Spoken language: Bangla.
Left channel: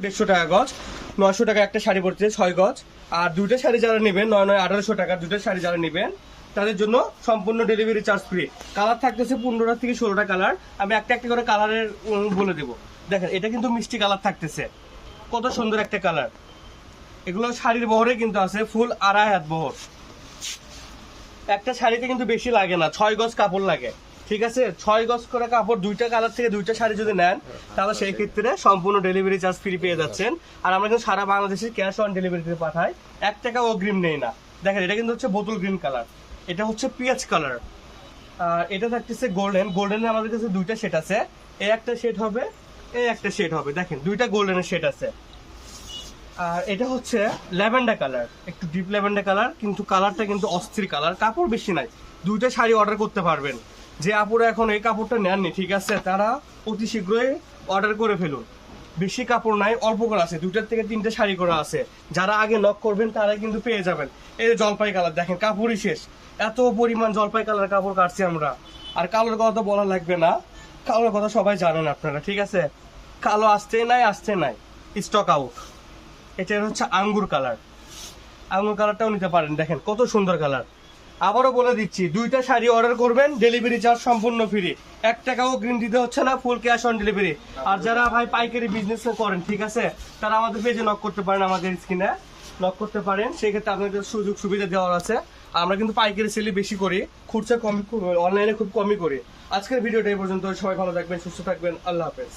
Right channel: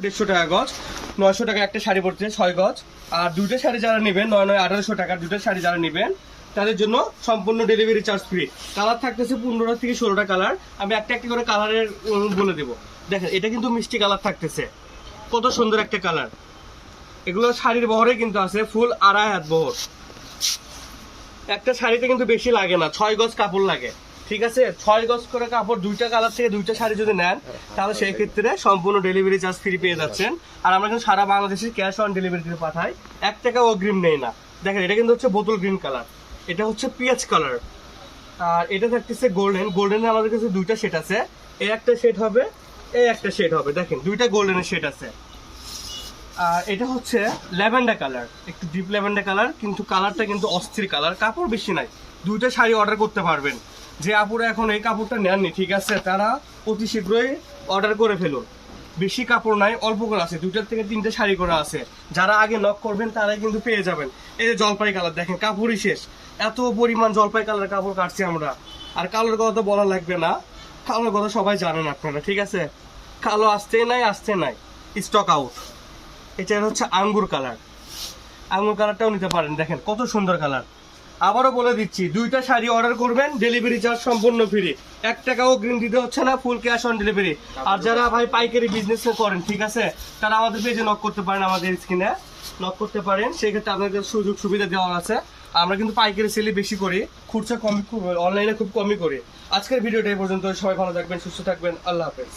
150 টাকা গজ, 900 টাকা একটা শাড়ি পড়ছে 6 গজ। আর দুইটা শাড়ি যারা নেবেন 9-9 1800 টাকা দুইটা শাড়ি যারা নেবেন তাদের জন্য সম্পূর্ণ ডেলিভারি চার্জ ফ্রি। কালার থাকতেছে 15টা থেকে 16টা কালার। আমি একটা একটা করে কালারের বলে দেবো। দেখেন এটা কিন্তু মিষ্টি কালার থাকতেছে, কত সুন্দর একটা কালার। এগুলো শাড়ির বহরে কিন্তু আছে ফুল 2.5 হাত বহর। একটা শাড়িতে কিন্তু বেশি লাগে না, 6 গজ কাপড় লাগে। ঠিক আছে, 6 গজ করে কাপড়, দুইটা কালার থেকে দুইটা শাড়ি যদি নেন তাহলে সেই ক্ষেত্রে সম্পূর্ণ ডেলিভারি চার্জ ফ্রি পেয়ে যাচ্ছেন। আর আমরা কিন্তু সারা বাংলাদেশে ক্যাশ অন ডেলিভারিতে পাঠাই, 1 টাকা অগ্রিম নেই না। দেখেন এটা কিন্তু হচ্ছে বোতল গ্রিন কালার, এটা হচ্ছে পিঁয়াজ কালার, আর এটা থাকতেছে গোল্ডেন। গোল্ডেনের আমাদের কাছে দুইটা শেড আছে, এই একটা শেড হবে, এই একটা শেড হবে। দেখেন দুইটা গোল্ডেনের শেড আছে। আর এটা হচ্ছে ল্যাভেন্ডার কালার, একটু ডিপ ল্যাভেন্ডার কালার, কিন্তু কালারটা কিন্তু অস্থির কালার। কাপড় বেশি নাই, দুইটা শাড়ি অর্ডার করতে পারবেন। যে আপুরা এখন এই কাপড়টা নেননি, ঠিক আছে, তারা অতি শীঘ্রই অর্ডার করে ফেলুন। বেশি কাপড় নাই, অল্প করে আছে, 2টা থেকে 3টে শাড়ি করে আছে। যারা আগে নক করবেন তারাই কিন্তু পেয়ে যাবেন। এই যে জলপাই কালার, দেখেন কাপড়ই শেষ, এত পরিমাণ জলপাই কালার কাপড় কাটছি আমরা। আর কালোর কথা তো বলা লাগবে না, কালোর কথা সবাই জানেন আপনারা, ঠিক আছে। কালো আসতে নাই, স্টক আউট। এটা হচ্ছে আঙ্গুর কালার, আঙ্গুর কালারটাও নিতে পারেন। দেখেন কত সুন্দর কালার। আবারও বলে দিচ্ছি, দুইটা শাড়ি অর্ডার করবেন, ডেলিভারি চার্জ সম্পূর্ণ ফ্রি, 1 টাকাও অগ্রিম দিতে হচ্ছে না, ফুল ক্যাশ অন ডেলিভারি। আর যারা ভাই পাইকারি বিজনেস করেন, ঠিক আছে, তারা আমাদের পেজে নক করতে পারেন, আমাদের স্ক্রিনে নক করতে পারেন। সেই ক্ষেত্রে আপনাদের সুযোগ সুবিধা দেওয়া আছে। আমরা কিন্তু পাইকারি সেলে বেশি করি, খুচরা কমই, অনলাইনে খুব কমই করি। আজকের ভিডিওটা এই পর্যন্ত। সবাই ভালো থাকবেন, সুস্থ থাকবেন, আল্লাহ হাফেজ।